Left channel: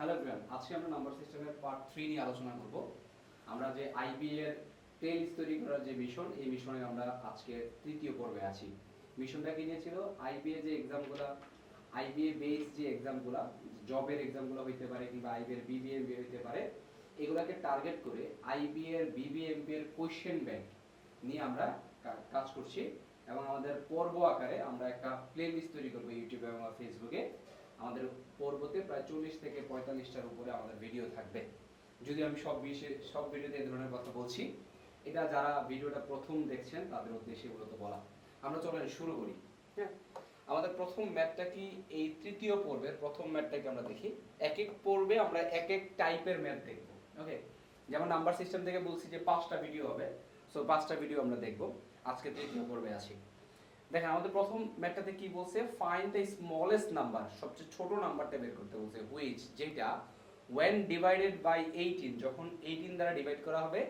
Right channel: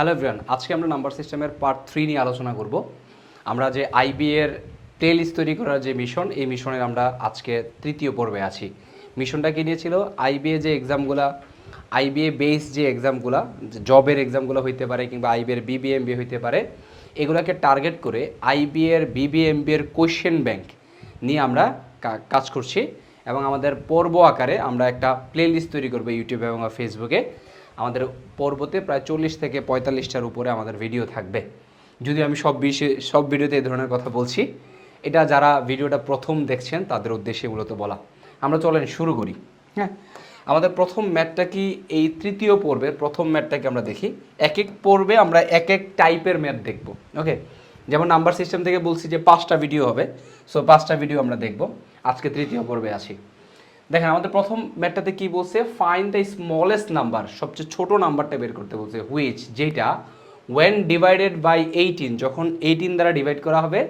Hello everyone আজকে আমরা number সিস্টেমের পার্ট থ্রি নিয়ে আলোচনা করব। আমরা যে আইবি এর লিস্ট তৈরি করার যে মিশন এই মিশনের আমরা আজকে তৃতীয় পর্বে আছি। মিশনটা কি নিয়েছিল আইবিএ যে এক্সামগুলা আইবিএ বেস যে এক্সামগুলা জবের এক্সামগুলো হইতে পারে কিংবা আইবি এর বিবিএমবি হইতে পারে, এগুলাকে টার্গেট করে আইবি এর বিবিএমবি এর কোয়েশ্চেন ব্যাংক নিয়ে আমরা কাজ করছি। এবং আমাদের পর্ব আকারে আমরা একটা প্লে লিস্ট তৈরি করব ইউটিউবে এবং ফেসবুকে আমাদের পর্বতে প্রায় চল্লিশ থেকে পঁয়তাল্লিশটার উপরে আমাদের ভিডিও থাকবে। যদি আমি সব বিষয়ে সব ভিডিওতে এই ধরনের কথা বলছি। এটা যারা ভিডিওটা প্রথম দেখছেন, তাদের উদ্দেশ্যে মূলত বলা। আমরা চলেন শুরু করি। হ্যাঁ? আমাদের প্রথম ম্যাটটা কি এই তৃতীয় পর্বের প্রথম ম্যাটটাকে আমরা দেখি। এক এক পর্বে আমরা এক এক টাইপের ম্যাট দেখব। ওকে? যেমন নাম্বার সিস্টেম থেকে বলছি যে পাঁচটা ভিডিও হবে। সো পাঁচটা ভিডিও আমরা দেখব। আজকে তৃতীয় পর্বে আছি। দেখেন, আমাদের প্রথম ম্যাটটাতে কি বলছে? ফাইন দ্য স্মলেস্ট নাম্বার সবচেয়ে ছোট নাম্বারটা বের করতে বলছে। হুইচ যেটা ওয়েন ডিভাইডেড বাই এইটিন যখন এইটিন দ্বারা ডিভাইড করা হবে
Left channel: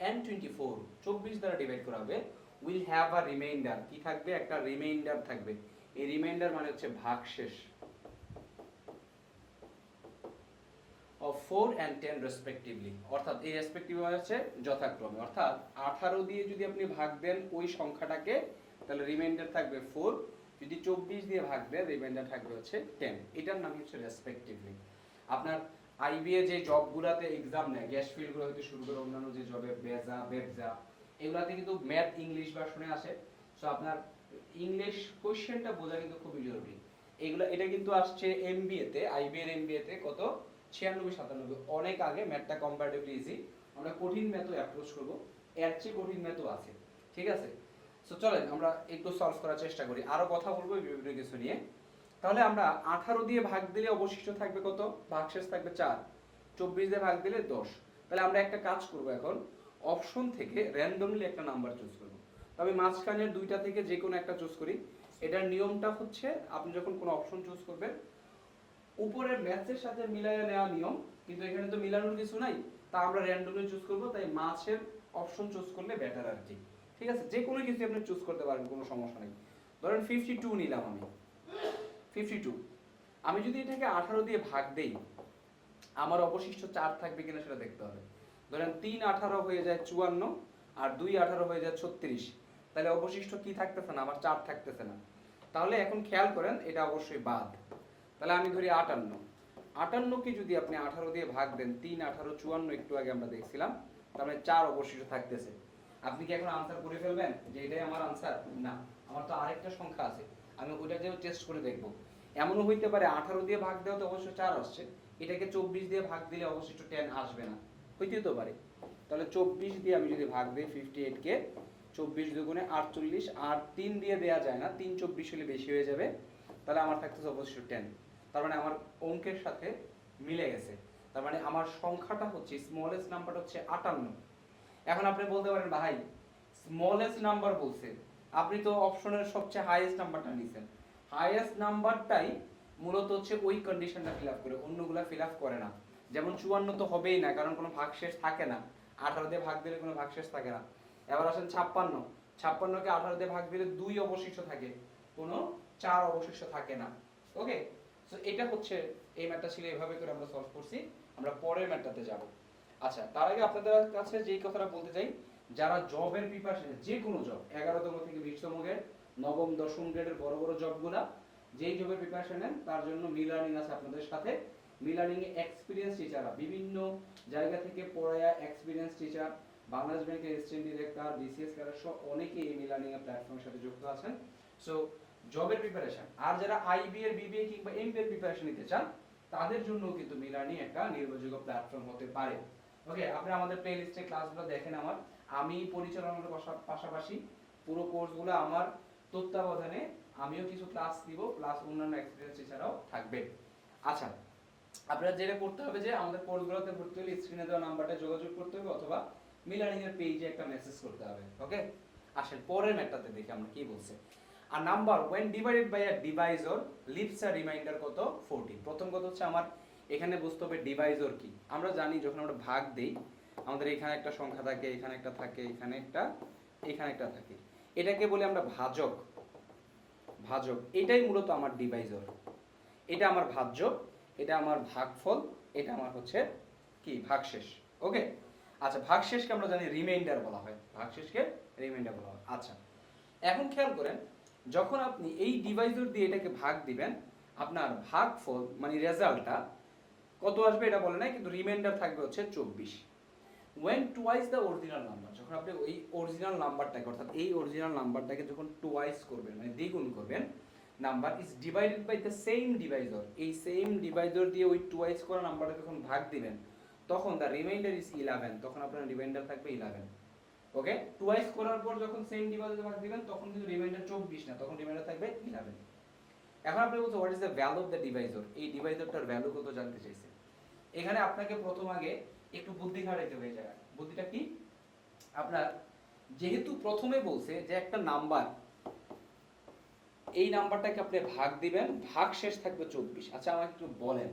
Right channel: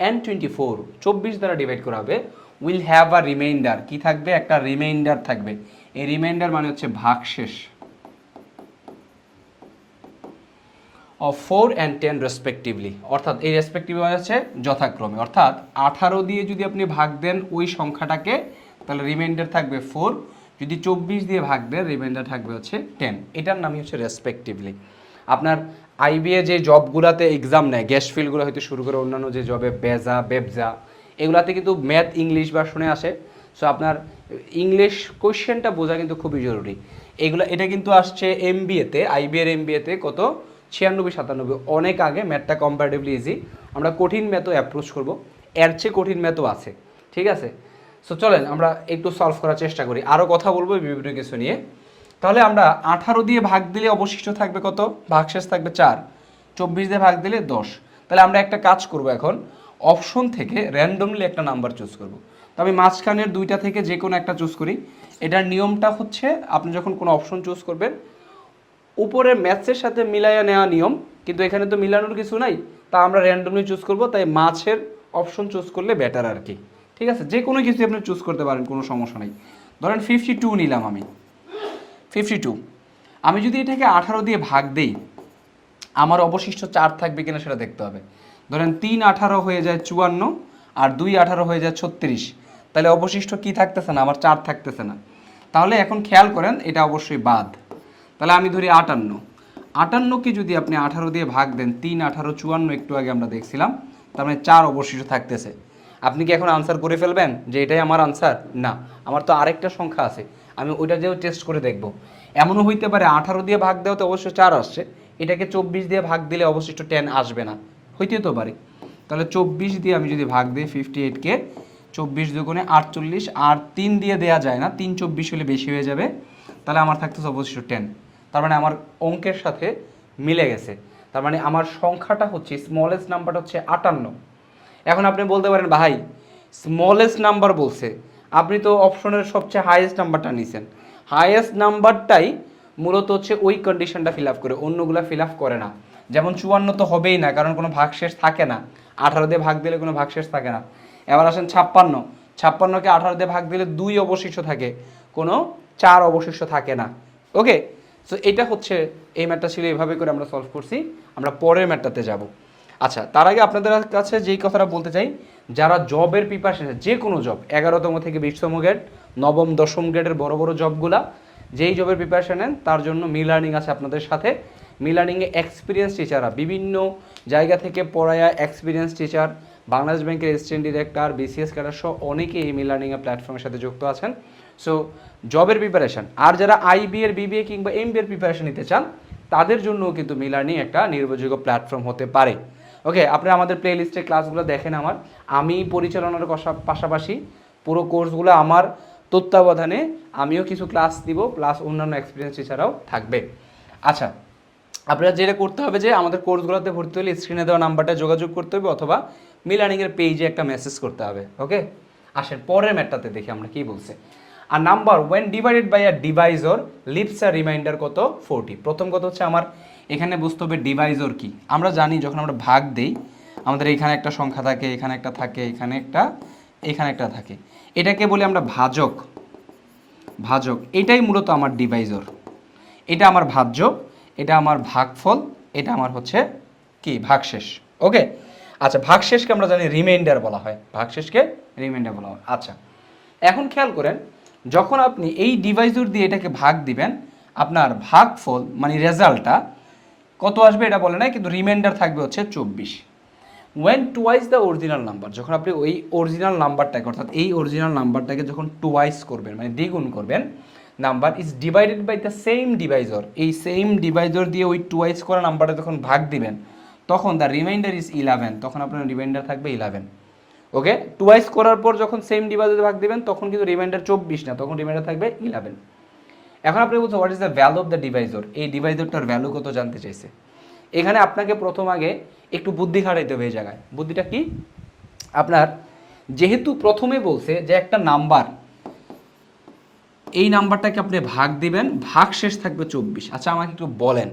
অ্যান্ড টোয়েন্টি ফোর চব্বিশ দ্বারা ডিভাইড করা হবে উইল হ্যাভ আ রিমাইন্ডার কি থাকবে? একটা রিমাইন্ডার থাকবে। এই রিমাইন্ডার মানে হচ্ছে ভাগশেষ of four and ten respectively অর্থাৎ এই রেসপেক্টিভ মানে হচ্ছে যথাক্রমে। অর্থাৎ আঠারো দিয়ে যদি আপনি ভাগ দেন, ওই সংখ্যাটাকে তাহলে রিমাইন্ডার থাকবে ফোর যদি চব্বিশ দিয়ে ভাগ দেন রিমাইন্ডার থাকবে হচ্ছে টেন এটার নামই হচ্ছে রেসপেক্টিভলি আপনার আইবিএ যে জবগুলোতে এক্সাম নেয় গ্যাস ফিল্ডগুলো হয়তো শুরু করে অন্যান্য যে জবে বেজা, বেবজা, এগুলাতে কিন্তু ম্যাথ ইংলিশ ভার্সনে আসে। সো আপনার ইংলিশ কোয়েশ্চেনটা বোঝা কিন্তু খুবই জরুরি। এগুলো, এটা কিন্তু আসছে এম বিএতে আইবিএর এম বিএতে কত? ছিয়ানব্বই, সাতানব্বই। অনেক আগে ম্যাথটা কম্পারেটিভলি ইজি আমরা কঠিন ম্যাথও অ্যাপ্রোচ করব। এর চেয়ে কঠিন ম্যাথও আছে। ঠিক আছে? সো চলেন আমরা একটু সলভ করার চেষ্টা করি। আরও কথা বলব বিভিন্ন কিছু নিয়ে। তাহলে আমরা আঠারো দিয়ে ভাগ দিলে অবশিষ্ট থাকবে কত? ভাগশেষ থাকবে চার। চব্বিশ দিয়ে ভাগ দিলে দশ। তাহলে আমরা একটা কাজ করব এখন। অপশন থেকে র্যান্ডমলি একটা নাম্বার চুজ করব। তো আমি মাঝখানের দুইটা থেকে যে কোনো একটা চুজ করি। এটার নিয়মটা হচ্ছে, আপনি যখন কোনো অপশন চুজ করবেন, উপরে ম্যাথসের সাথে মিলাইয়া নেওয়া নিয়ম, কিন্তু এখানে তো মিলানোর কিছু নাই। তা আমরা র্যান্ডমলি চুজ করব, তাই মাছের অপশন চুজ করলে বেটার আর কি। ঠিক আছে? যে কোনো কিছু আপনি চুজ করতে পারেন, কোনো সমস্যা নেই। ধরেন ফিফটি টু নিলাম আমি। ফিফটি টু আমি যদি এটাকে আঠারো দিয়ে ভাগ দেই, আমার অবশিষ্ট চার থাকবে কিনা সেটা দেখতে হবে। ধরেন তিন আঠারো হয়ে যায় চুয়ান্ন, আর দুই আঠারো হয়ে যায় ছত্রিশ। তাহলে অবশিষ্ট কি থাকতেছে না? আমার চার থাকতেছে না। তাহলে এখন খেয়াল করেন, এটা অবশ্যই বাদ। তাহলে আমি ধরি আটান্ন। আটান্নকে যদি আপনি আঠারো দিয়ে ভাগ দেন, তিন আঠারো চুয়ান্ন একটু আগে আমরা দেখছিলাম, তার মানে চার অবশিষ্ট থাকতেছে। আপনি কি এখন আনসার করে ফেলবেন যে এটাই আমার আনসার না, আমার তো আরেকটা সংখ্যা আছে, আমি ওইটা দিয়েও টেস্ট করে দেখব। এমনও হইতে পারে আঠারো দিয়ে ভাগ দেওয়াতে অবশ্য চার আসছে, এটাকে চব্বিশ দিয়ে ভাগ দিলে অবশিষ্ট টেন আসবে না হইতে তো পারে। তাহলে চব্বিশ দিয়ে আমি যদি ভাগ দিই ফিফটি এইটকে চব্বিশ দুগুণে আটচল্লিশ, আর তিন দিয়ে দেয়া যায় না, তিন চব্বিশ হলে বেশি হয়ে যাবে, তাহলে আমার থাকতেছে অবশিষ্ট টেন তার মানে আমার অঙ্কের সাথে মিলে গেছে, তার মানে আমার সংখ্যাটা হচ্ছে স্মলেস্ট নাম্বারটা হচ্ছে আটান্ন। এখন আপনি বলতে পারেন, ভাই স্মলেস্ট নাম্বার বলছে। আপনি তো অপশনের সবচেয়ে হাইয়েস্ট নাম্বারটা নিছেন। হাইয়েস্ট নাম্বারটাই মূলত হচ্ছে ওই কন্ডিশনটা ফিল আপ করে, অন্যগুলো ফিল আপ করে না। যেমন চুয়ান্ন তো হবেই না, কারণ কোনো ভাগশেষ থাকে না। আঠারো দিয়ে ভাগ দিলে কোনো ভাগশেষ থাকে না। এবার আসেন ছাপ্পান্ন। ছাপ্পান্নকে আঠারো দিয়ে ভাগ দিলে দুই অবশিষ্ট থাকে, কোনো চার অবশিষ্ট থাকে না। ওকে সো এটা হচ্ছে, এই ম্যাটটা ছিল এইভাবে করে আমরা সলভ করছি। আমরা পরের ম্যাটটাতে যাব। আচ্ছা তার আগে আপনাদের কাছে যেই কথাটা বলতে চাই, যারা জবের প্রিপারেশন যে কোনো জব এগারোতম থেকে বিশতম গ্রেড নবম, দশম গ্রেডের বড় বড় জবগুলা যেই জবের প্রিপারেশন নেন, তার জন্য মি লার্নিং আছে আপনাদের সাথে। মি লার্নিংয়ে এক্সপিরিয়েন্স টিচাররা বিভিন্ন জায়গা থেকে পড়ায়া এক্সপিরিয়েন্স টিচার বাংলাদেশ ব্যাংকের অ্যাসিস্ট্যান্ট ডিরেক্টর বিসিএস ক্যাডার সহ অনেকেই এই মি লার্নিংয়ের প্ল্যাটফর্মের সাথে যুক্ত আছেন। সো জবের প্রিপারেশন আর যারা আইবি এর বিবিএ কিংবা এমবি এর প্রিপারেশন নিতে চান, তাদের জন্যও কিন্তু মি লার্নিং একটা নির্ভরযোগ্য প্ল্যাটফর্ম হতে পারে। ওকে আপনি আমাদের প্লে লিস্টে ক্লাসগুলো দেখেন আমার। আমি পরিচালনার পাশাপাশি পুরো কোর্সগুলো আমার তত্ত্বাবধানে আমিও কিছু ক্লাস দিব প্লাস অন্যান্য এক্সপিরিয়েন্স টিচাররাও থাকবে। আচ্ছা আপনারা যেটা করতে হবে যে আমাদের কোর্সগুলোতে ভর্তি হলে স্ক্রিনে দেওয়া নাম্বারটা যোগাযোগ করতে হবে অথবা মিলার্নিংয়ের পেজে একটা মেসেজ করতে হবে ওকে আসেন, পরের ম্যাটটাতে দেখি আমরা কি বলছে। আর number when divided by a divisor leaves R reminder কত? ফোরটি প্রথম কথা হচ্ছে আমার এখানে বুঝতে হবে ডিভাইজর কি? আমরা জানি যখন আমরা ভাগ দেই, আমাদের এখানে একটা সংখ্যা থাকে, এখানে একটা থাকে, এখানে একটা এখানে একটা থাকে। এটাকে বলি আমরা ভাজক। ভাজক, এটাই মূলত আমার ডিভাইজর এটা আমার ভাজ্য, এটা আমার ভাগফল, এটা আমার হচ্ছে কি? ভাগশেষ। ওকে? আচ্ছা ভাগশেষকে আমরা জানি রিমাইন্ডার বলা হয়। ভাগশেষকে রিমাইন্ডার বলা হয়। আচ্ছা এখন খেয়াল করেন, যখন আপনি এই ডিভাইসর দিয়ে এটাকে ভাগ দিবেন, আপনার ভাগফল মানে রেজাল্টটা কত আসবে এটা বলে নাই, কিন্তু রিমাইন্ডার থাকবে হচ্ছে চব্বিশ। When twice the original number যখন আপনি ওই অরিজিনাল নাম্বারটাকে অর্থাৎ এই অরিজিনাল নাম্বারটাকে যখন টুয়াইস করবেন মানে দ্বিগুণ করবেন number is divided by the same divisor এই সেম ডিভাইজর দিয়ে ওই টুয়াইস করা নাম্বারটা যখন ভাগ দিবেন, তখন দ্য রিমাইন্ডার ইজ ইলেভেন তখন আপনার রিমাইন্ডার থাকবে ইলেভেন ওকে টুয়াইস করার পর যখন সেম ডিভাইজরে ভাগ দিবেন, তখন কিন্তু রিমাইন্ডার চব্বিশ না, তখন রিমাইন্ডার থাকবে ইলেভেন এখন আপনি বলছেন what is the value of the divisor এই ডিভাইজরটার ভ্যালু কত জানতে চাইছে? এখানে আপনাকে প্রথম আগে একটু বুদ্ধি খাটাইতে হবে এই জায়গায়। বুদ্ধিটা কি? আপনার যেহেতু প্রথমে বলছে যে একটা নাম্বার, এই নাম্বারটাকে আপনি ভাগ দিবেন, ভাগ শেষ থাকবে চব্বিশ। আচ্ছা আমাকে একটু বলেন,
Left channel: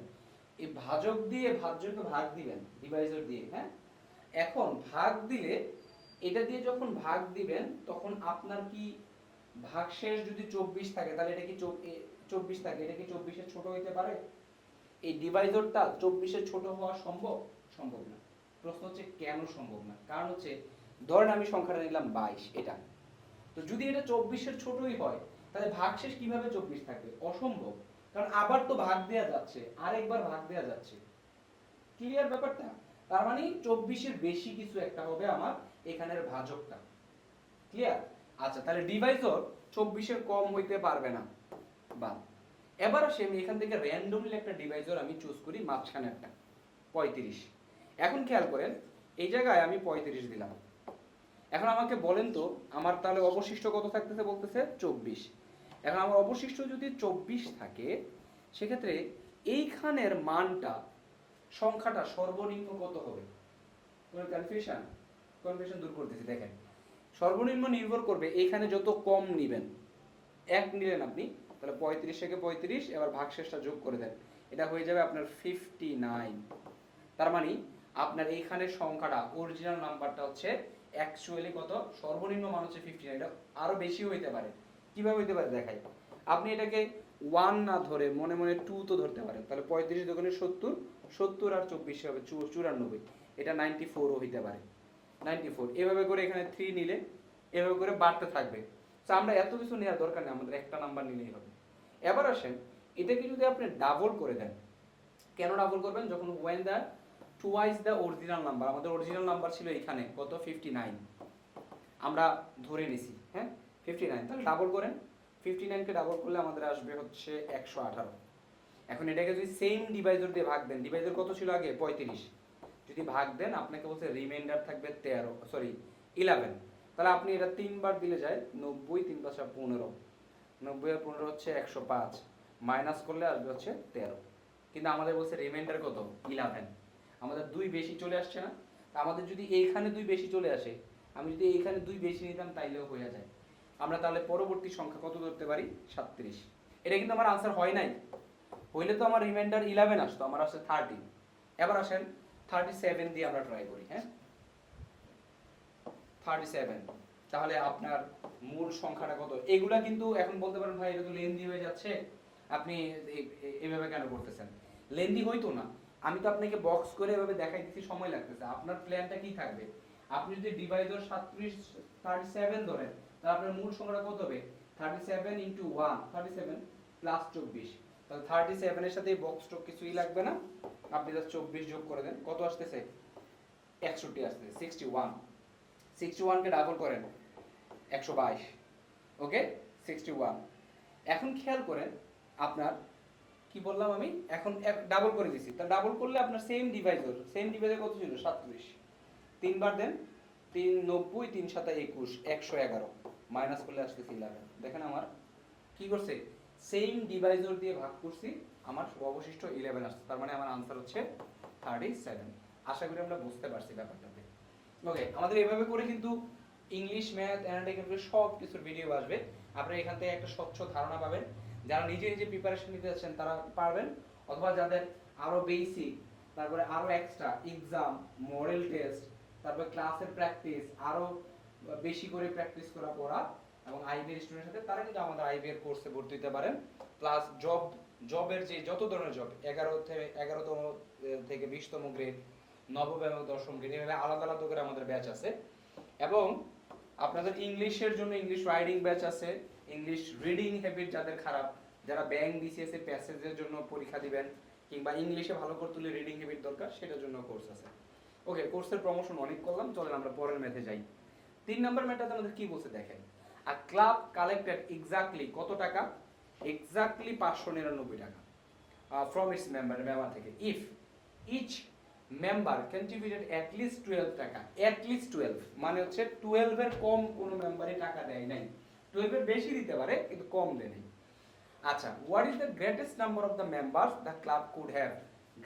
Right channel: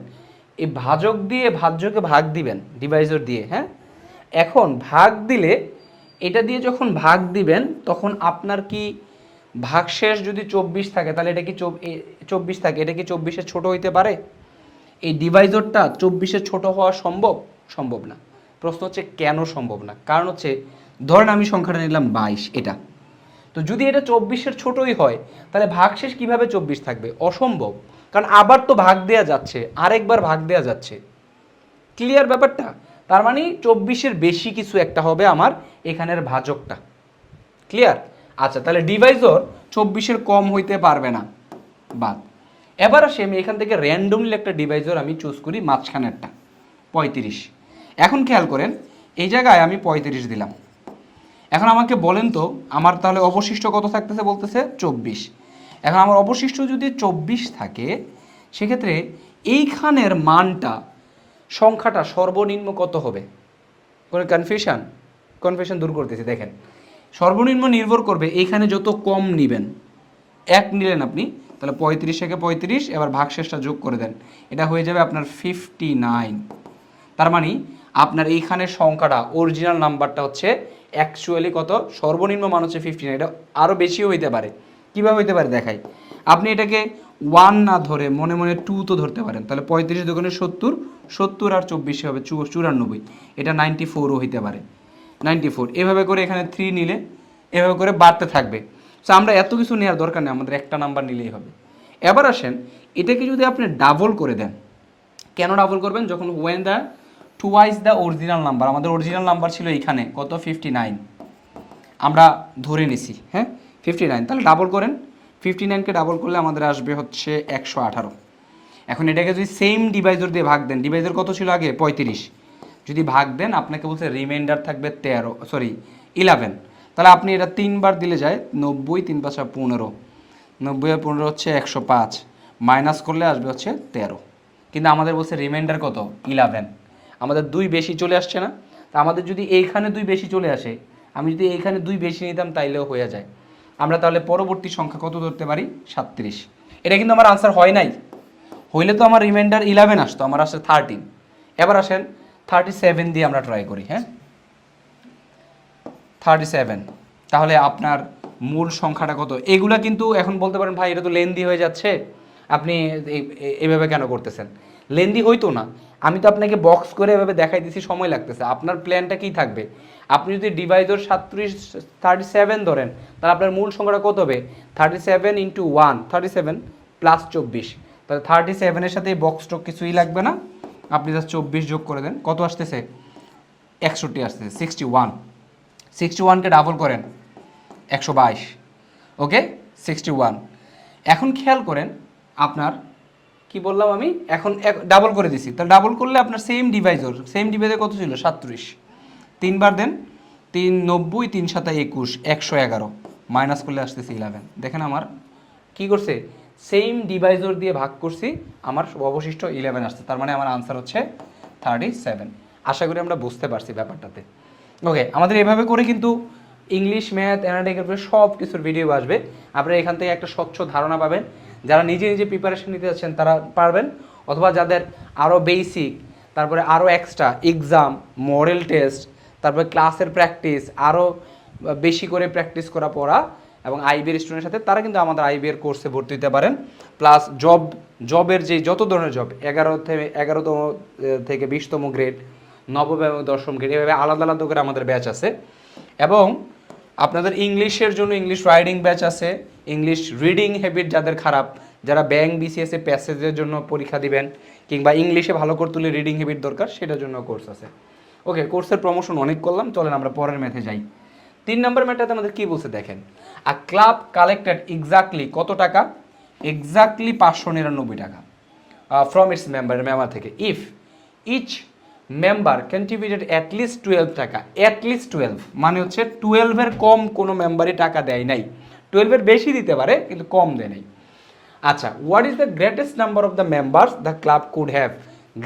এই ভাজক দিয়ে ভাজ্যকে ভাগ দিবেন ডিভাইজর দিয়ে হ্যাঁ? এখন ভাগ দিলে, এটা দিয়ে যখন ভাগ দিবেন, তখন আপনার কি ভাগশেষ যদি চব্বিশ থাকে, তাহলে এটা কি চব্বিশ থাকে, এটা কি চব্বিশের ছোট হইতে পারে? এই ডিভাইজরটা চব্বিশের ছোট হওয়া সম্ভব? সম্ভব না। প্রশ্ন হচ্ছে, কেন সম্ভব না? কারণ হচ্ছে, ধরেন আমি সংখ্যাটা নিলাম বাইশ, এটা। তো যদি এটা চব্বিশের ছোটই হয়, তাহলে ভাগশেষ কীভাবে চব্বিশ থাকবে? অসম্ভব। কারণ আবার তো ভাগ দেওয়া যাচ্ছে, আরেকবার ভাগ দেওয়া যাচ্ছে। ক্লিয়ার ব্যাপারটা? তার মানে চব্বিশের বেশি কিছু একটা হবে আমার এখানের ভাজকটা। ক্লিয়ার আচ্ছা তাহলে ডিভাইজর চব্বিশের কম হইতে পারবে না। বাদ। এবার আসে আমি, এখান থেকে র্যান্ডমলি একটা ডিভাইজর আমি চুজ করি, মাঝখানেরটা, পঁয়ত্রিশ। এখন খেয়াল করেন, এই জায়গায় আমি পঁয়ত্রিশ দিলাম। এখন আমাকে বলেন তো, আমার তাহলে অবশিষ্ট কত থাকতেছে বলতেছে? চব্বিশ। এখন আমার অবশিষ্ট যদি চব্বিশ থাকে, সেক্ষেত্রে এইখানের মানটা, সংখ্যাটা সর্বনিম্ন কত হবে? কোনো কনফিউশন কনফিউশন দূর করতেছি, দেখেন। সর্বনিম্ন নির্ভর করবে এইখানে যত কম নিবেন। এক নিলেন আপনি, তাহলে পঁয়ত্রিশ থেকে পঁয়ত্রিশ, এবার ভাগশেষটা যোগ করে দেন। এটা হয়ে যাবে আপনার ফিফটি নাইন তার মানে আপনার এইখানের সংখ্যাটা অরিজিনাল নাম্বারটা হচ্ছে অ্যাকচুয়ালি কত? সর্বনিম্ন মান হচ্ছে ফিফটি নাইন এটা আরও বেশিও হইতে পারে। কীভাবে হইতে পারে দেখাই। আপনি এটাকে ওয়ান না ধরে মনে মনে টু তো ধরতে পারেন। তাহলে পঁয়ত্রিশ দোকানে সত্তর সত্তর আর চব্বিশে হবে চুরানব্বই। এটা নাইনটি ফোরও হইতে পারে। Ninety four. এভাবে করে এখানে থ্রি নিলে, এভাবে করে বাড়তে থাকবে। সো আমরা এত কিছু নেওয়ার দরকার নেই, আমাদের একটা নাম্বার নিলেই হবে। এবার আসেন, এটাকে যদি আপনি ডাবল করে দেন, কেন ডাবল করবেন? যখন when the twice the original number আমাদের অরিজিনাল নাম্বার ছিল এখানে, কত? ফিফটি নাইন আমরা ধরে নিছি হ্যাঁ? ফিফটি নাইন তাহলে ডাবল করেন। ফিফটি নাইনকে ডাবল করলে আমাদের আসবে হচ্ছে একশো আঠারো। এখন এটাকে যদি সেম ডিভাইজর দিয়ে ভাগ দেন ডিভাইজর কত ছিল আগে? পঁয়ত্রিশ। যদি ভাগ দেন, আপনাকে বলছে রিমাইন্ডার থাকবে তেরো সরি ইলেভেন তাহলে আপনি এটা তিনবার দিলে যায় নব্বই, তিন পাঁচা পনেরো। নব্বই আর পনেরো হচ্ছে একশো পাঁচ। মাইনাস করলে আসবে হচ্ছে তেরো। কিন্তু আমাদের বলছে রিমাইন্ডার কত? ইলেভেন আমাদের দুই বেশি চলে আসছে না। তা আমাদের যদি এইখানে দুই বেশি চলে আসে, আমি যদি এইখানে দুই বেশি নিতাম তাইলেও হয়ে যায়। আমরা তাহলে পরবর্তী সংখ্যা কত ধরতে পারি? সাতত্রিশ। এটা কিন্তু আমার আনসার হয় নাই। হইলে তো আমার রিমাইন্ডার ইলেভেন আসতো, আমার আসে থার্টিন এবার আসেন থার্টি সেভেন দিয়ে আমরা ট্রাই করি হ্যাঁ? Thirty seven. তাহলে আপনার মূল সংখ্যাটা কত? এগুলা কিন্তু এখন বলতে পারেন, ভাই, এটা তো লেন্দি হয়ে যাচ্ছে। আপনি এভাবে কেন করতেছেন? লেন্দি হইতো না। আমি তো আপনাকে বক্স করে এভাবে দেখাই দিছি, সময় লাগতেছে। আপনার প্ল্যানটা কি থাকবে? আপনি যদি ডিভাইডর সাতত্রিশ, থার্টি সেভেন ধরেন, তাহলে আপনার মূল সংখ্যাটা কত হবে? Thirty seven into one thirty seven plus চব্বিশ। তাহলে থার্টি সেভেনের সাথে বক্স টক কিছুই লাগবে না। আপনি জাস্ট চব্বিশ যোগ করে দেন, কত আসতেছে? একষট্টি আসতেছে সিক্সটি ওয়ান সিক্সটি ওয়ানকে ডাবল করেন, একশো বাইশ। ওকে সিক্সটি ওয়ান এখন খেয়াল করেন, আপনার, কি বললাম আমি? এখন ডাবল করে দিছি। তাহলে ডাবল করলে আপনার সেম ডিভাইজর সেম ডিভাইজে কত ছিল? সাতত্রিশ। তিনবার দেন, তিন নব্বই, তিন সাতা একুশ, একশো এগারো। মাইনাস করলে আসতেছে ইলেভেন দেখেন আমার, কি করছে? সেম ডিভাইজর দিয়ে ভাগ করছি, আমার অবশিষ্ট ইলেভেন আসছে, তার মানে আমার আনসার হচ্ছে থার্টি সেভেন আশা করি আমরা বুঝতে পারছি ব্যাপারটাতে। ওকে আমাদের এভাবে করে কিন্তু ইংলিশ ম্যাথ অ্যানালিটিক্যাল সব কিছুর ভিডিও আসবে। আপনারা এখান থেকে একটা স্বচ্ছ ধারণা পাবেন। যারা নিজে নিজে প্রিপারেশন নিতে যাচ্ছেন, তারা পারবেন। অথবা যাদের আরও বেসিক তারপরে আরও এক্সট্রা এক্সাম মডেল টেস্ট তারপরে ক্লাসের প্র্যাকটিস আরও বেশি করে প্র্যাকটিস করা পড়া এবং আইবিএর স্টুডেন্টের সাথে তারা কিন্তু আমাদের আইবিএর কোর্সে ভর্তি হতে পারেন। প্লাস জব জবের যে যত ধরনের জব এগারো থেকে, এগারোতম থেকে বিশতম গ্রেড নবম এবং দশম গ্রেড এভাবে আলাদা আলাদা করে আমাদের ব্যাচ আছে। এবং আপনাদের ইংলিশের জন্য ইংলিশ রাইডিং ব্যাচ আছে ইংলিশ রিডিং হ্যাবিট যাদের খারাপ, যারা ব্যাংক বিসিএস এ প্যাসেজের জন্য পরীক্ষা দিবেন, কিংবা ইংলিশে ভালো করতে হলে রিডিং হ্যাবিট দরকার, সেটার জন্য কোর্স আছে। ওকে কোর্সের প্রমোশন অনেক করলাম, চলেন আমরা পরের ম্যাথে যাই। তিন নম্বর ম্যাথটাতে আমাদের কি বলছে দেখেন? আ ক্লাব কালেক্টেড এক্স্যাক্টলি কত টাকা? এক্স্যাক্টলি পাঁচশো নিরানব্বই টাকা ফ্রম ইটস মেম্বার মেম্বার থেকে। If each member contributed at least twelve টাকা অ্যাটলিস্ট টুয়েলভ মানে হচ্ছে টুয়েলভের কম কোনো মেম্বারই টাকা দেয় নাই। টুয়েলভের বেশি দিতে পারে, কিন্তু কম দেয় নাই। আচ্ছা what is the greatest number of the members the club could have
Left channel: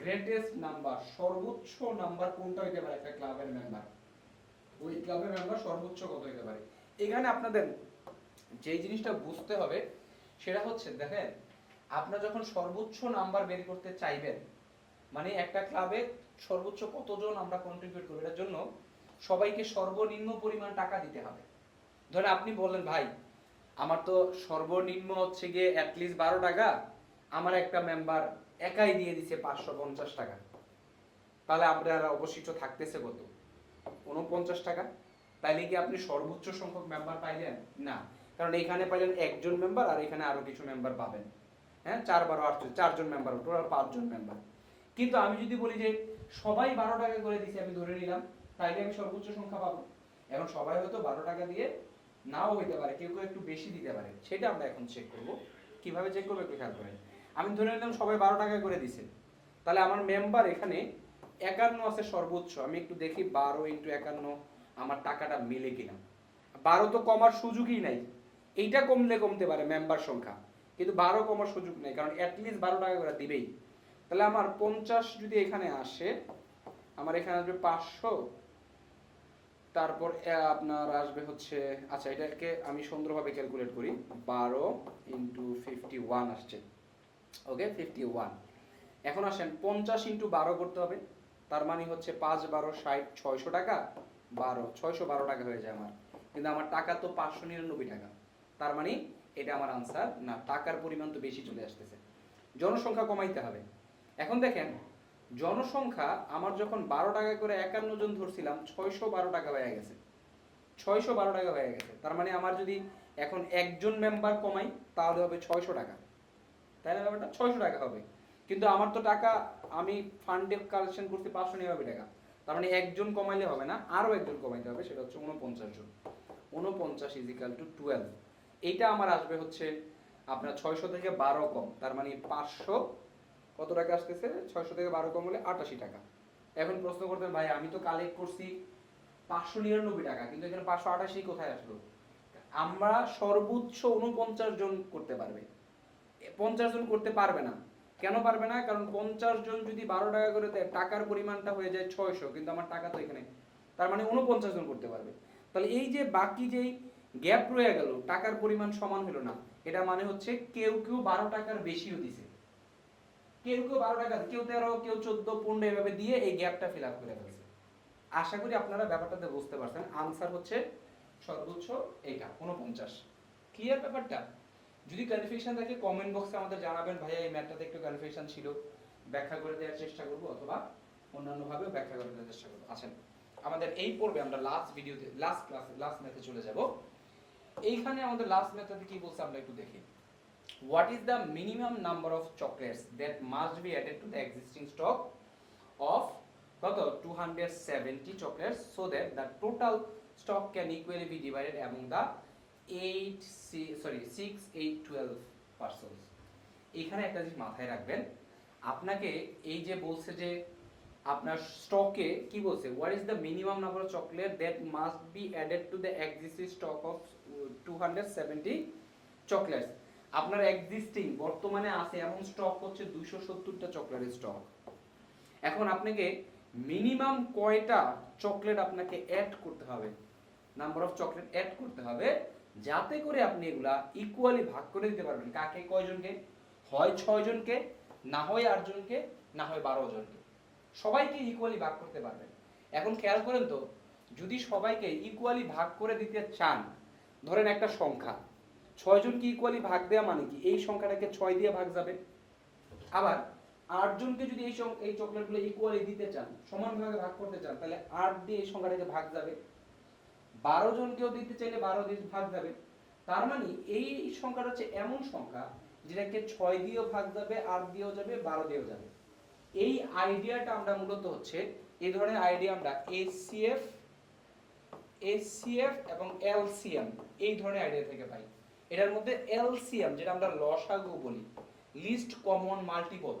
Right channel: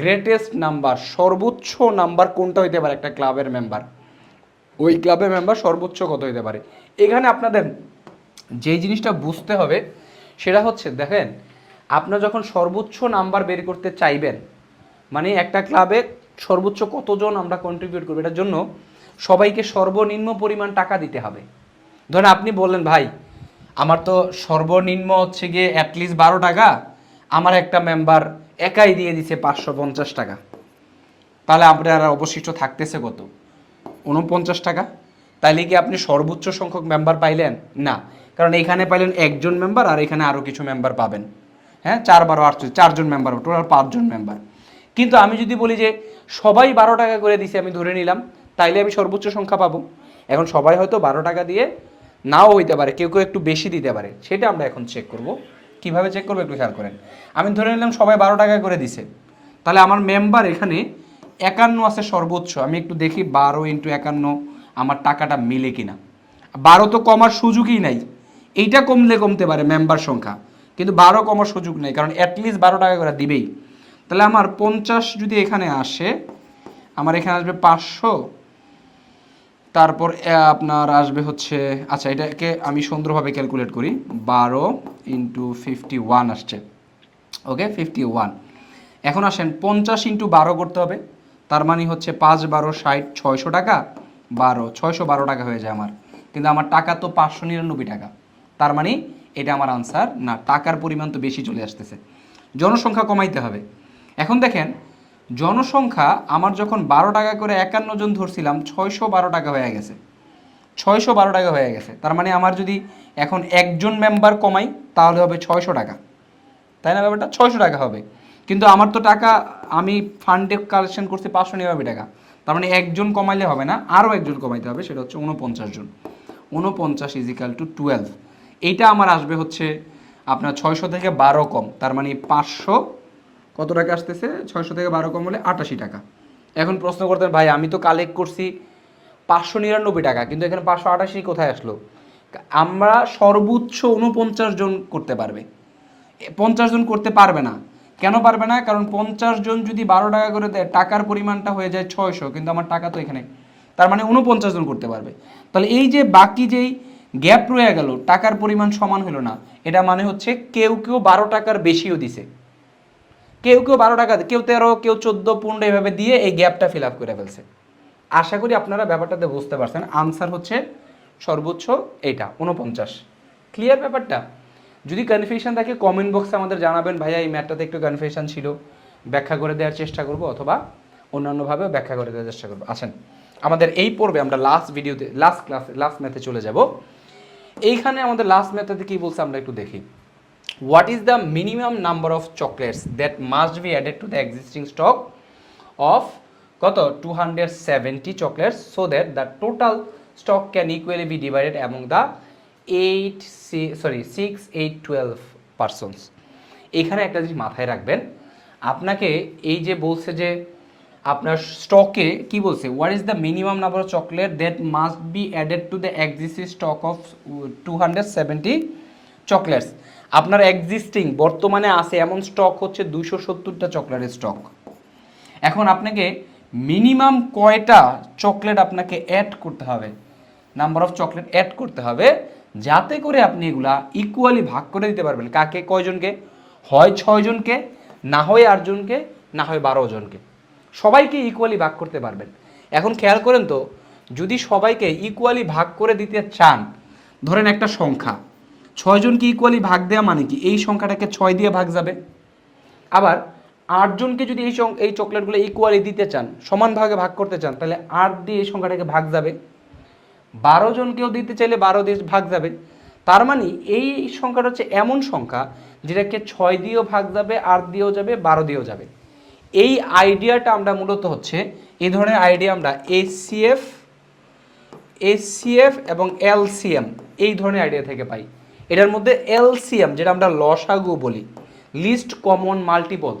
greatest number সর্বোচ্চ নাম্বার কোনটা হইতে পারে একটা ক্লাবের মেম্বার ওই ক্লাবের মেম্বার সর্বোচ্চ কত হতে পারে? এখানে আপনাদের যেই জিনিসটা বুঝতে হবে, সেটা হচ্ছে, দেখেন, আপনার যখন সর্বোচ্চ নাম্বার বের করতে চাইবেন মানে একটা ক্লাবে সর্বোচ্চ কতজন আমরা কন্ট্রিবিউট করব, এটার জন্য সবাইকে সর্বনিম্ন পরিমাণ টাকা দিতে হবে। ধরেন আপনি বললেন, ভাই, আমার তো সর্বনিম্ন হচ্ছে গিয়ে অ্যাটলিস্ট বারো টাকা, আমার একটা মেম্বার একাই দিয়ে দিছে পাঁচশো পঞ্চাশ টাকা। তাহলে আপনার অবশিষ্ট থাকতেছে কত? উনপঞ্চাশ টাকা। তাইলে কি আপনি সর্বোচ্চ সংখ্যক মেম্বার পাইলেন? না। কারণ এখানে পাইলেন একজন মেম্বার আর এখানে আরও কিছু মেম্বার পাবেন। হ্যাঁ? চার বারো, আট, চারজন মেম্বার টোটাল পাঁচজন মেম্বার কিন্তু আমি যদি বলি যে সবাই বারো টাকা করে দিছে, আমি ধরে নিলাম, তাইলে আমি সর্বোচ্চ সংখ্যা পাবো। এখন সবাই হয়তো বারো টাকা দিয়ে নাও হইতে পারে, কেউ কেউ একটু বেশি দিতে পারে। সেটা আমরা এখন চেক করব। কীভাবে চেক করব একটু খেয়াল করেন। আমি ধরে নিলাম সবাই বারো টাকা করে দিছে। তাহলে আমার মেম্বার এখানে একান্ন আছে সর্বোচ্চ। আমি একটু দেখি, বারো ইন্টু একান্ন, আমার টাকাটা মিলে কিনা। বারো তো কমার সুযোগই নাই। এইটা কমলে কমতে পারে মেম্বার সংখ্যা। কিন্তু বারো কমার সুযোগ নেই, কারণ অ্যাটলিস্ট বারো টাকা করে দিবেই। তাহলে আমার পঞ্চাশ যদি এখানে আসে, আমার এখানে আসবে পাঁচশো। তারপর আপনার আসবে হচ্ছে আচ্ছা এটাকে আমি সুন্দরভাবে ক্যালকুলেট করি। বারো ইন্টু ফিফটি ওয়ান আসছে। ওকে ফিফটি ওয়ান এখন আসেন, পঞ্চাশ ইন্টু বারো করতে হবে। তার মানে হচ্ছে পাঁচ বারো ষাট ছয়শো টাকা, বারো, ছয়শো বারো টাকা হয়ে যায় আমার। কিন্তু আমার টাকা তো পাঁচশো নিরানব্বই টাকা। তার মানে এটা আমার আনসার না, টাকার পরিমাণ তো বেশি চলে আসতেছে। জনসংখ্যা কমাইতে হবে। এখন দেখেন, জনসংখ্যা আমার যখন বারো টাকা করে একান্ন জন ধরছিলাম, ছয়শো বারো টাকা হয়ে গেছে। ছয়শো বারো টাকা হয়ে গেছে। তার মানে আমার যদি এখন একজন মেম্বার কমাই, তাহলে হবে ছয়শো টাকা। তাই না ব্যাপারটা? ছয়শো টাকা হবে। কিন্তু আমার তো টাকা, আমি ফান্ডে কালেকশন করছি পাঁচশো নিরানব্বই টাকা। তার মানে একজন কমাইলে হবে না, আরও একজন কমাইতে হবে, সেটা হচ্ছে উনপঞ্চাশ জন। উনপঞ্চাশ ইজিক্যাল টু টুয়েলভ এইটা আমার আসবে হচ্ছে আপনার ছয়শো থেকে বারো কম, তার মানে পাঁচশো, কত টাকা আসতেছে? ছয়শো থেকে বারো কম হলে আটাশি টাকা। এখন প্রশ্ন করতেন, ভাই, আমি তো কালেক্ট করছি পাঁচশো নিরানব্বই টাকা, কিন্তু এখানে পাঁচশো আটাশি কোথায় আসলো? আমরা সর্বোচ্চ উনপঞ্চাশ জন করতে পারবে। পঞ্চাশ জন করতে পারবে না। কেন পারবে না? কারণ পঞ্চাশ জন যদি বারো টাকা করে দেয়, টাকার পরিমাণটা হয়ে যায় ছয়শো, কিন্তু আমার টাকা তো এখানে তার মানে উনপঞ্চাশ জন করতে পারবে। তাহলে এই যে বাকি যেই গ্যাপ রয়ে গেল, টাকার পরিমাণ সমান হলো না, এটা মানে হচ্ছে কেউ কেউ বারো টাকার বেশিও দিছে। কেউ কেউ বারো টাকা, কেউ তেরো, কেউ চোদ্দ, পনেরো এভাবে দিয়ে এই গ্যাপটা ফিল আপ করে ফেলছে। আশা করি আপনারা ব্যাপারটাতে বুঝতে পারছেন। আনসার হচ্ছে সর্বোচ্চ এইটা উনপঞ্চাশ ক্লিয়ার ব্যাপারটা? যদি কনফিউশন থাকে কমেন্ট বক্সে আমাদের জানাবেন, ভাইয়া, এই ম্যাটটাতে একটু কনফিউশন ছিল, ব্যাখ্যা করে দেওয়ার চেষ্টা করব অথবা অন্যান্যভাবে ব্যাখ্যা করে দেওয়ার চেষ্টা করব। আছেন আমাদের এই পর্বে আমরা লাস্ট ভিডিওতে লাস্ট ক্লাস লাস্ট ম্যাথে চলে যাব। এইখানে আমাদের লাস্ট ম্যাথে কি বলছে আমরা একটু দেখি। What is the minimum number of chocolates that must be added to the existing stock of কত? 270 chocolates so that the total stock can equally be divided among the 8 si- sorry 6 8 12 persons এখানে একটা জিনিস মাথায় রাখবেন, আপনাকে এই যে বলছে যে আপনার স্টকে কি বলছে? What is the minimum number of chocolate that must be added to the existing stock of two hundred seventy chocolates আপনার এক্সিস্টিং বর্তমানে আছে এমন স্টক হচ্ছে দুশো সত্তরটা চকলেটের স্টক এখন আপনাকে মিনিমাম কয়টা চকলেট আপনাকে অ্যাড করতে হবে? নাম্বার অফ চকলেট অ্যাড করতে হবে। যাতে করে আপনি এগুলা ইকুয়ালি ভাগ করে দিতে পারবেন। কাকে? কয়জনকে? হয় ছয়জনকে, না হয় আটজনকে, না হয় বারো জনকে সবাইকে ইকুয়ালি ভাগ করতে পারবেন। এখন খেয়াল করেন তো, যদি সবাইকে ইকুয়ালি ভাগ করে দিতে চান, ধরেন একটা সংখ্যা, ছয়জনকে ইকুয়ালি ভাগ দেওয়া মানে কি? এই সংখ্যাটাকে ছয় দিয়ে ভাগ যাবে। আবার আটজনকে যদি এই এই চকলেটগুলো ইকুয়ালি দিতে চান, সমান ভাগে ভাগ করতে চান, তাহলে আট দিয়ে এই সংখ্যাটাকে ভাগ যাবে। বারো জনকেও দিতে চাইলে বারো দিয়ে ভাগ যাবে। তার মানে এই সংখ্যাটা হচ্ছে এমন সংখ্যা যেটাকে ছয় দিয়েও ভাগ যাবে, আট দিয়েও যাবে, বারো দিয়েও যাবে। এই আইডিয়াটা আমরা মূলত হচ্ছে এই ধরনের আইডিয়া আমরা এসিএফ এসিএফ এবং এলসিএম এই ধরনের আইডিয়া থেকে পাই। এটার মধ্যে এলসিএম যেটা আমরা লসাগু বলি, least common multiple,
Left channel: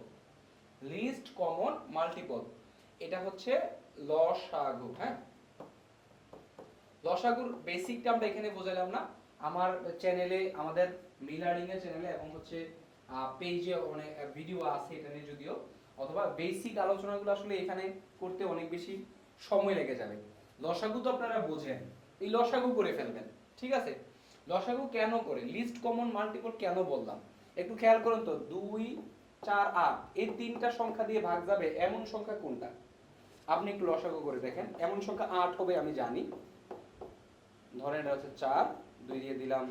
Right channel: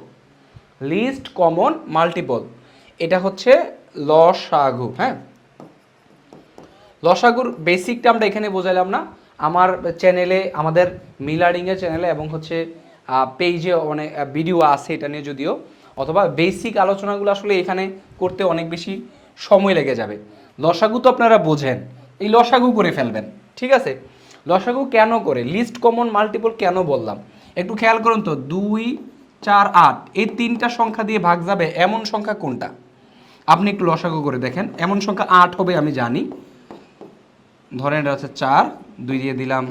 least common multiple. এটা হচ্ছে লসাগু হ্যাঁ? লসাগুর বেসিকটা আমরা এখানে বোঝালাম না। আমার চ্যানেলে আমাদের মিলারিংয়ের চ্যানেলে এবং হচ্ছে পেজে অনেক ভিডিও আছে এটা নিয়ে যদিও। অথবা বেসিক আলোচনাগুলো আসলে এখানে করতে অনেক বেশি সময় লেগে যাবে। লসাগু তো আপনারা বোঝেন। এই লসাগু করে ফেলবেন, ঠিক আছে? লসাগু কেন করে? লিস্ট কমন মাল্টিপল কেন বললাম? একটু খেয়াল করুন তো, দুই, চার, আট, এই তিনটা সংখ্যা দিয়ে ভাগ যাবে এমন সংখ্যা কোনটা? আপনি একটু লসাগু করে দেখেন। এমন সংখ্যা আট হবে আমি জানি। ধরেন এটা হচ্ছে চার, দুই দিয়ে দিলাম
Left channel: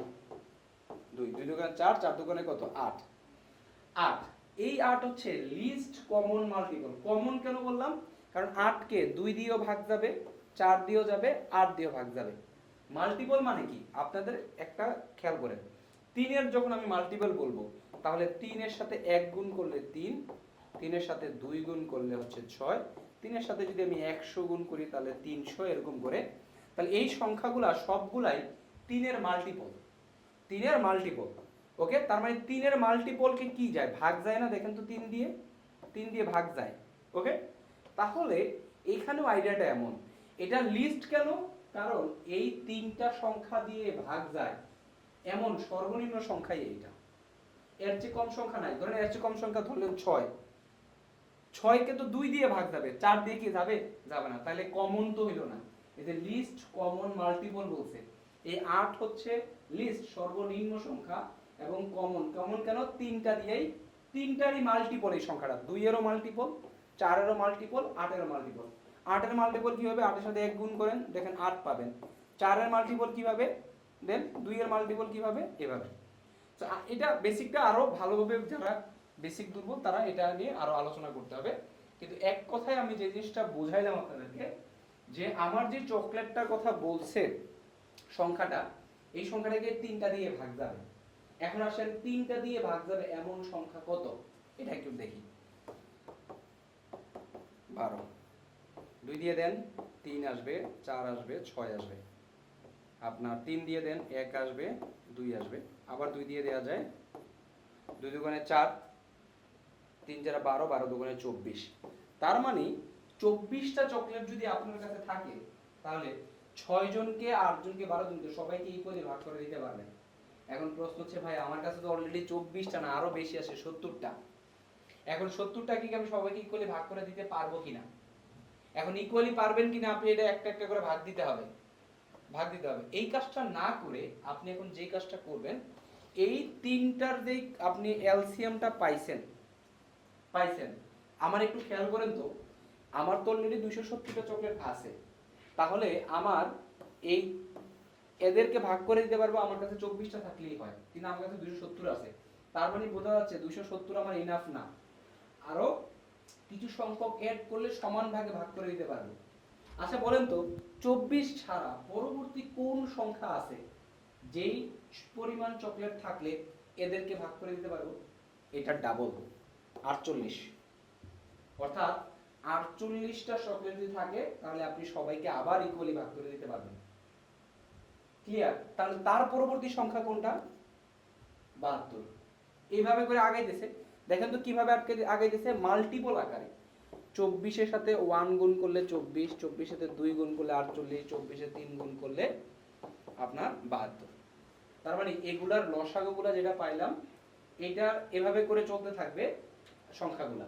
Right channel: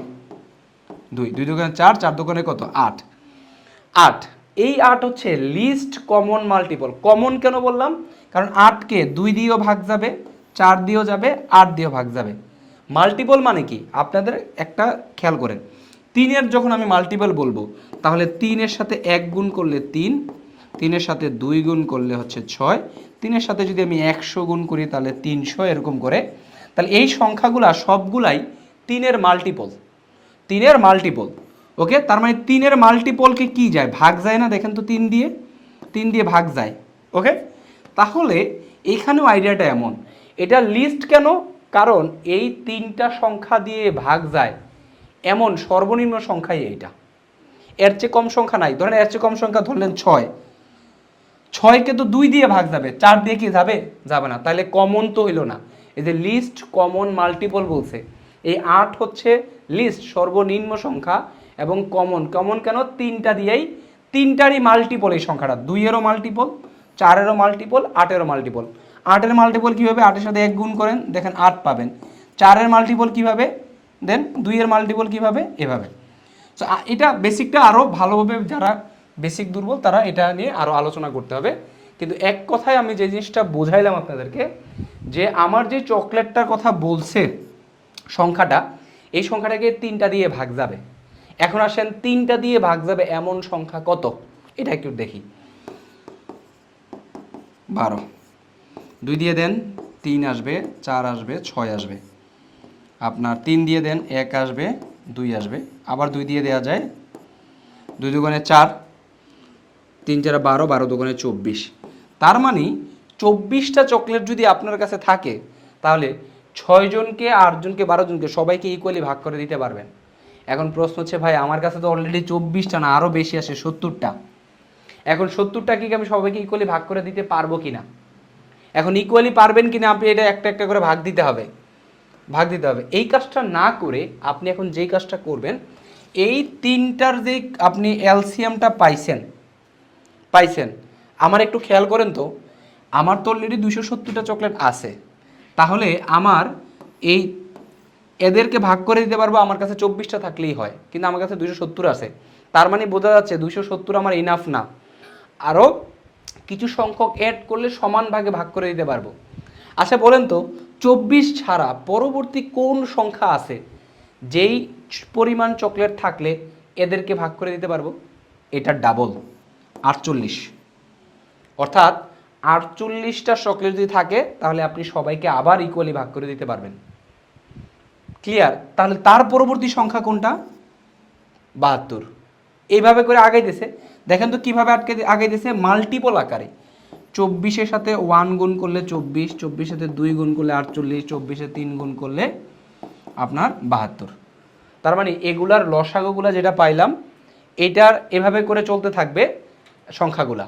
দুই। দুই দোকানে চার চার দোকানে কত? আট। আট। এই আট হচ্ছে লিস্ট কমন মাল্টিপল কমন কেন বললাম? কারণ আটকে দুই দিয়েও ভাগ যাবে, চার দিয়েও যাবে, আট দিয়েও ভাগ যাবে। মাল্টিপল মানে কি? আপনাদের একটা খেয়াল করেন। তিনের যখন আমি মাল্টিপল বলব, তাহলে তিনের সাথে এক গুণ করলে তিন, তিনের সাথে দুই গুণ করলে হচ্ছে ছয়, তিনের সাথে যদি আমি একশো গুণ করি, তাহলে তিনশো, এরকম করে তাহলে এই সংখ্যাগুলা সবগুলাই তিনের মাল্টিপল তিনের মাল্টিপল ওকে তার মানে তিনের মাল্টিপলকে কি যায়? ভাগ যায় না? দেখেন তো তিন দিয়ে। তিন দিয়ে ভাগ যায়। ওকে তাহলে এখানেও আইডিয়াটা এমন। এটা লিস্ট কেন? কারণ এই তিনটা সংখ্যা দিয়ে ভাগ যায়। এমন সর্বনিম্ন সংখ্যাই এইটা। এর চেয়ে কম সংখ্যা নাই। ধরেন এর চেয়ে কম সংখ্যা ধরলেন ছয়। ছয়কে তো দুই দিয়ে ভাগ যাবে। চার দিয়ে কি যাবে? যাবে না। তাহলে কমন তো হইল না। এই যে লিস্ট কমন মাল্টিপল বলছে, এই আট হচ্ছে লিস্ট সর্বনিম্ন সংখ্যা এবং কমন কমন কেন? তিনটা দিয়েই, তিনটারই মাল্টিপল এই সংখ্যাটা। দুইয়েরও মাল্টিপল চারেরও মাল্টিপল আটেরও মাল্টিপল আটের মাল্টিপল কীভাবে? আটের সাথে এক গুণ করেন, দেখেন আট পাবেন। চারের মাল্টিপল কীভাবে? দেন দুইয়ের মাল্টিপল কীভাবে? এভাবে। সো এটা বেসিকটা আরও ভালোভাবে যারা বেসিক দুর্বল, তারা এটা নিয়ে আরও আলোচনা করতে হবে। কিন্তু এক কথায় আমি যে জিনিসটা বোঝাইলাম আপনাদেরকে, যে আমার যে চকলেটটার কথা বলছে সংখ্যাটা, এই সংখ্যাটাকে তিনটা দিয়ে ভাগ যাবে। এখন আসেন, তিনটা দিয়ে ভাগ যাবে এমন সংখ্যা কত? এটা একটু দেখি। বারো। দুই দিয়ে দেন, তিন আসবে, চার আসবে, ছয় আসবে। আপনার তিন দিয়ে দেন, এক আসবে, দুই আসবে। আবার দুই দিয়ে দেওয়া যায়, দুই দোকানে চার, তিন চার বারো বারো দোকানে চব্বিশ। তার মানে চব্বিশটা চকলেট যদি আপনার কাছে থাকে, তাহলে ছয়জনকে, আটজনকে, বারোজনকে সবাইকে ইকুয়ালি ভাগ করে দিতে পারবেন। এখন প্রশ্ন হচ্ছে, ভাই, আমার কাছে তো অলরেডি চব্বিশটা না আরও বেশি আসে সত্তরটা। এখন সত্তরটা কি আমি সবাইকে ইকুয়ালি ভাগ করে দিতে পারব কি না এখন ইকুয়ালি পারবেন কি না আপনি এটা একটা একটা করে ভাগ দিতে হবে। ভাগ দিতে হবে। এই কাজটা না করে আপনি এখন যেই কাজটা করবেন, এই তিনটার যে আপনি এলসিয়ামটা পাইছেন পাইছেন আমার একটু খেয়াল করেন তো, আমার তো অলরেডি দুশো সত্তরটা চকলেট আছে। তাহলে আমার এই এদেরকে ভাগ করে দিতে পারব, আমার কাছে চব্বিশটা থাকলেই হয়, কিন্তু আমার কাছে দুশো সত্তর আছে। তার মানে বোঝা যাচ্ছে দুশো সত্তর আমার ইনাফ না। আরও কিছু সংখ্যক অ্যাড করলে সমান ভাগে ভাগ করে দিতে পারব। আচ্ছা বলেন তো, চব্বিশ ছাড়া পরবর্তী কোন সংখ্যা আছে? যেই পরিমাণ চকলেট থাকলে এদেরকে ভাগ করে দিতে পারব? এটা ডাবল আটচল্লিশ। অর্থাৎ আটচল্লিশটা চকলেট যদি থাকে, তাহলে আপনি সবাইকে আবার ইকুয়ালি ভাগ করে দিতে পারবেন। ক্লিয়ার তাহলে তার পরবর্তী সংখ্যা কোনটা? বাহাত্তর। এইভাবে করে আগাইতেছে। দেখেন তো কীভাবে আটকে আগাইতেছে? মাল্টিপল আকারে। চব্বিশের সাথে ওয়ান গুণ করলে চব্বিশ, চব্বিশের সাথে দুই গুণ করলে আটচল্লিশ চব্বিশে তিন গুণ করলে আপনার বাহাত্তর। তার মানে এগুলার লসাগুগুলা যেটা পাইলাম, এটার এভাবে করে চলতে থাকবে সংখ্যাগুলা।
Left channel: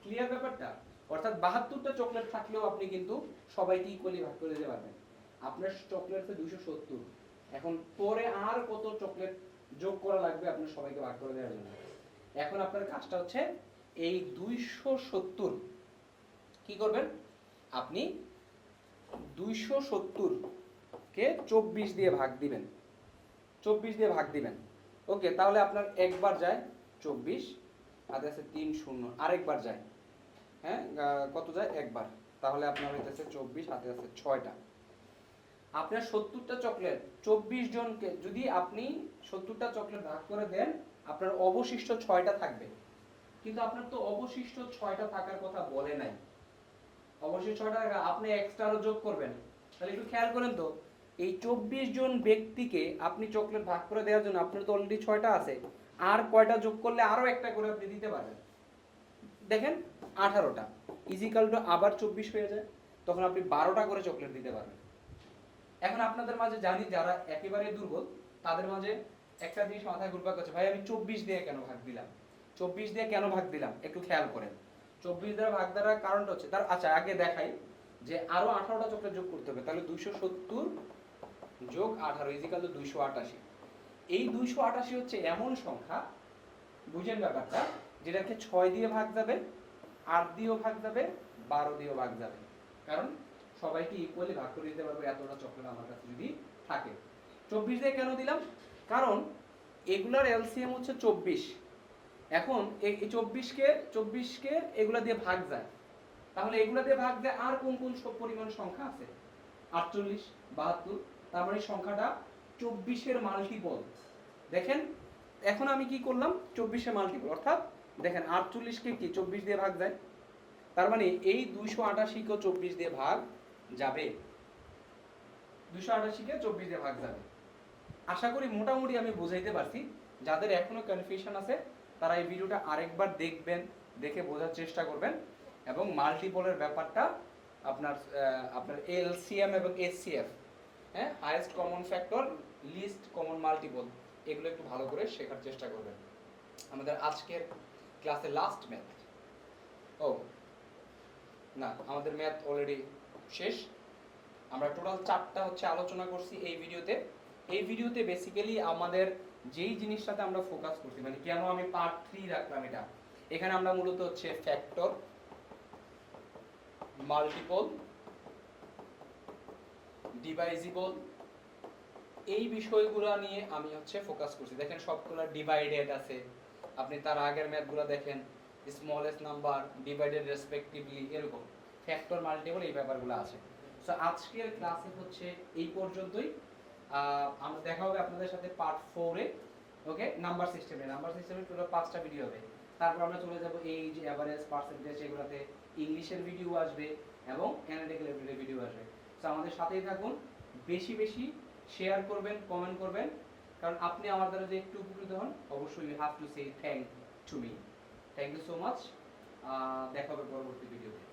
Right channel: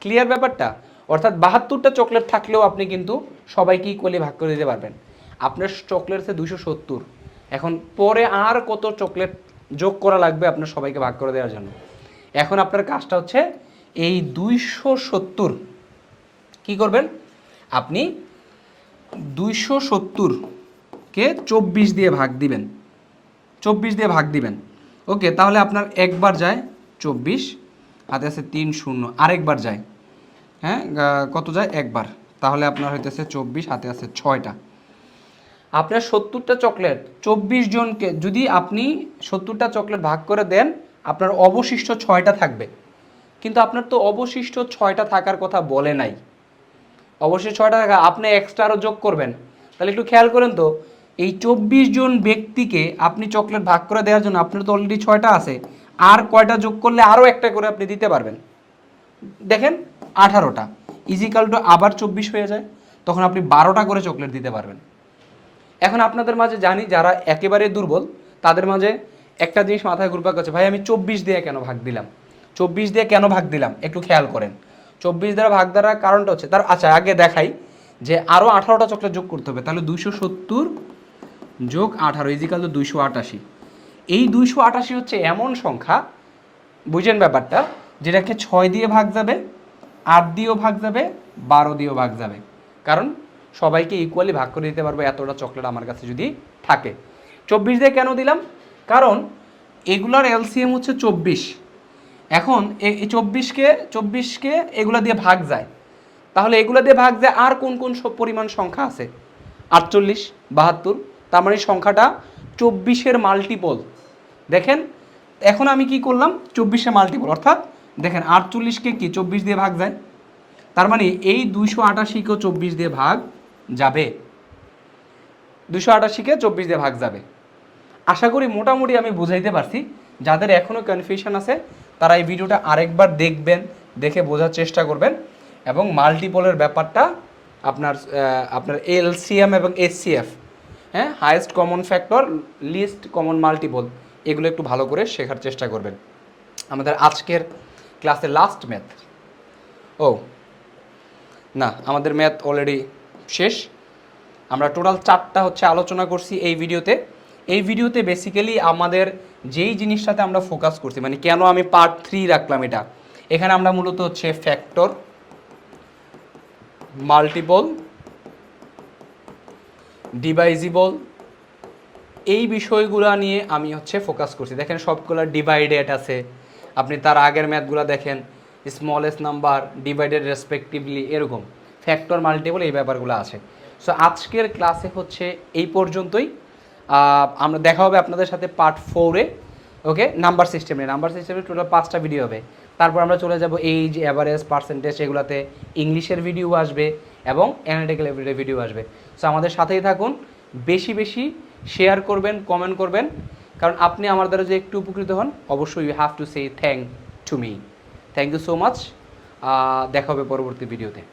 ক্লিয়ার ব্যাপারটা? অর্থাৎ বাহাত্তরটা চকলেট থাকলেও আপনি কিন্তু সবাইকে ইকুয়ালি ভাগ করে দিতে পারবেন। আপনার চকলেট আছে দুশো সত্তর। এখন পরে আর কত চকলেট যোগ করা লাগবে আপনার সবাইকে ভাগ করে দেওয়ার জন্য? এখন আপনার কাজটা হচ্ছে এই দুইশো সত্তর কী করবেন? আপনি দুইশো সত্তরকে চব্বিশ দিয়ে ভাগ দিবেন। চব্বিশ দিয়ে ভাগ দিবেন। ওকে, তাহলে আপনার একবার যায় চব্বিশ হাতে আছে তিন শূন্য। আরেকবার যায়। হ্যাঁ কত যায়? একবার। তাহলে আপনার হইতেছে চব্বিশ, হাতে আছে ছয়টা। আপনার সত্তরটা চকলেট, চব্বিশ জনকে যদি আপনি সত্তরটা চকলেট ভাগ করে দেন, আপনার অবশিষ্ট ছয়টা থাকবে। কিন্তু আপনার তো অবশিষ্ট ছয়টা থাকার কথা বলে নাই। অবশ্যই ছয়টা টাকা আপনি এক্সট্রা আরও যোগ করবেন। তাহলে একটু খেয়াল করেন তো, এই চব্বিশ জন ব্যক্তিকে আপনি চকলেট ভাগ করে দেওয়ার জন্য আপনার তো অলরেডি ছয়টা আছে। আর কয়টা যোগ করলে আরও একটা করে আপনি দিতে পারবেন? দেখেন, আঠারোটা। ইজিক্যাল টু আবার চব্বিশ হয়ে যায়, তখন আপনি বারোটা করে চকলেট দিতে পারবেন। এখন আপনাদের মাঝে জানি যারা একেবারে দুর্বল, তাদের মাঝে একটা জিনিস মাথায় ঘুরপাক করছে ভাই, আমি চব্বিশ দিয়ে কেন ভাগ দিলাম? চব্বিশ দিয়ে কেন ভাগ দিলাম? একটু খেয়াল করেন। চব্বিশ দ্বারা ভাগ দ্বারা কারণটা হচ্ছে, তার আচ্ছা আগে দেখাই যে আরও আঠারোটা চকলেট যোগ করতে হবে, তাহলে দুইশো সত্তর যোগ আঠারো ইজিক্যাল তো দুইশো আটাশি। এই দুইশো আটাশি হচ্ছে এমন সংখ্যা, বুঝেন ব্যাপারটা, যেটাকে ছয় দিয়ে ভাগ যাবে, আট দিয়েও ভাগ যাবে, বারো দিয়েও ভাগ যাবে। কারণ সবাইকে ইকুয়ালি ভাগ করে দিতে পারব, এতটা চকলেট আমার কাছে যদি থাকে। চব্বিশ দিয়ে কেন দিলাম? কারণ এগুলোর এলসিএম হচ্ছে চব্বিশ। এখন এই চব্বিশকে চব্বিশকে এগুলো দিয়ে ভাগ যায়। তাহলে এগুলো দিয়ে ভাগ যায় আর কোন কোন সব পরিমাণ সংখ্যা আছে? আটচল্লিশ, বাহাত্তর, তার মানে সংখ্যাটা চব্বিশের মাল্টিপল দেখেন, এখন আমি কি করলাম? চব্বিশে মাল্টিপল অর্থাৎ দেখেন, আটচল্লিশকে কি? চব্বিশ দিয়ে ভাগ যায়। তার মানে এই দুইশো আটাশিকেও চব্বিশ দিয়ে ভাগ যাবে। দুশো আটাশিকে চব্বিশ দিয়ে ভাগ যাবে। আশা করি মোটামুটি আমি বুঝাইতে পারছি। যাদের এখনও কনফিউশন আছে, তারা এই ভিডিওটা আরেকবার দেখবেন, দেখে বোঝার চেষ্টা করবেন। এবং মাল্টিপলের ব্যাপারটা আপনার আপনার এলসিএম এবং এসসিএফ হ্যাঁ highest common factor least common multiple এগুলো একটু ভালো করে শেখার চেষ্টা করবেন। আমাদের আজকের ক্লাসের লাস্ট ম্যাথ ও, না, আমাদের ম্যাথ অলরেডি শেষ। আমরা টোটাল চারটা হচ্ছে আলোচনা করছি এই ভিডিওতে এই ভিডিওতে বেসিক্যালি আমাদের যেই জিনিসটাতে আমরা ফোকাস করছি মানে কেন আমি পার্ট থ্রি রাখলাম এটা? এখানে আমরা মূলত হচ্ছে ফ্যাক্টর মাল্টিপল ডিভাইজিবল এই বিষয়গুলো নিয়ে আমি হচ্ছে ফোকাস করছি। দেখেন সবগুলো ডিভাইডেড আছে। আপনি তার আগের ম্যাথগুলো দেখেন স্মলেস্ট নাম্বার ডিভাইডেড রেসপেক্টিভলি এরকম। ফ্যাক্টর মাল্টিপল এই ব্যাপারগুলো আছে। সো আজকের ক্লাসে হচ্ছে এই পর্যন্তই। আমরা দেখা হবে আপনাদের সাথে পার্ট ফোরে ওকে নাম্বার সিস্টেমে নাম্বার সিস্টেমে টোটাল পাঁচটা ভিডিও হবে। তারপর আমরা চলে যাব এইজ অ্যাভারেজ পার্সেন্টেজ এগুলোতে। ইংলিশের ভিডিও আসবে এবং অ্যানালিটিক্যাল ভিডিও আসবে। সো আমাদের সাথেই থাকুন। বেশি বেশি শেয়ার করবেন কমেন্ট করবেন। কারণ আপনি আমার দ্বারা যে একটু উপকৃত হন, অবশ্যই you have to say thank to me thank you so much দেখা হবে পরবর্তী ভিডিওতে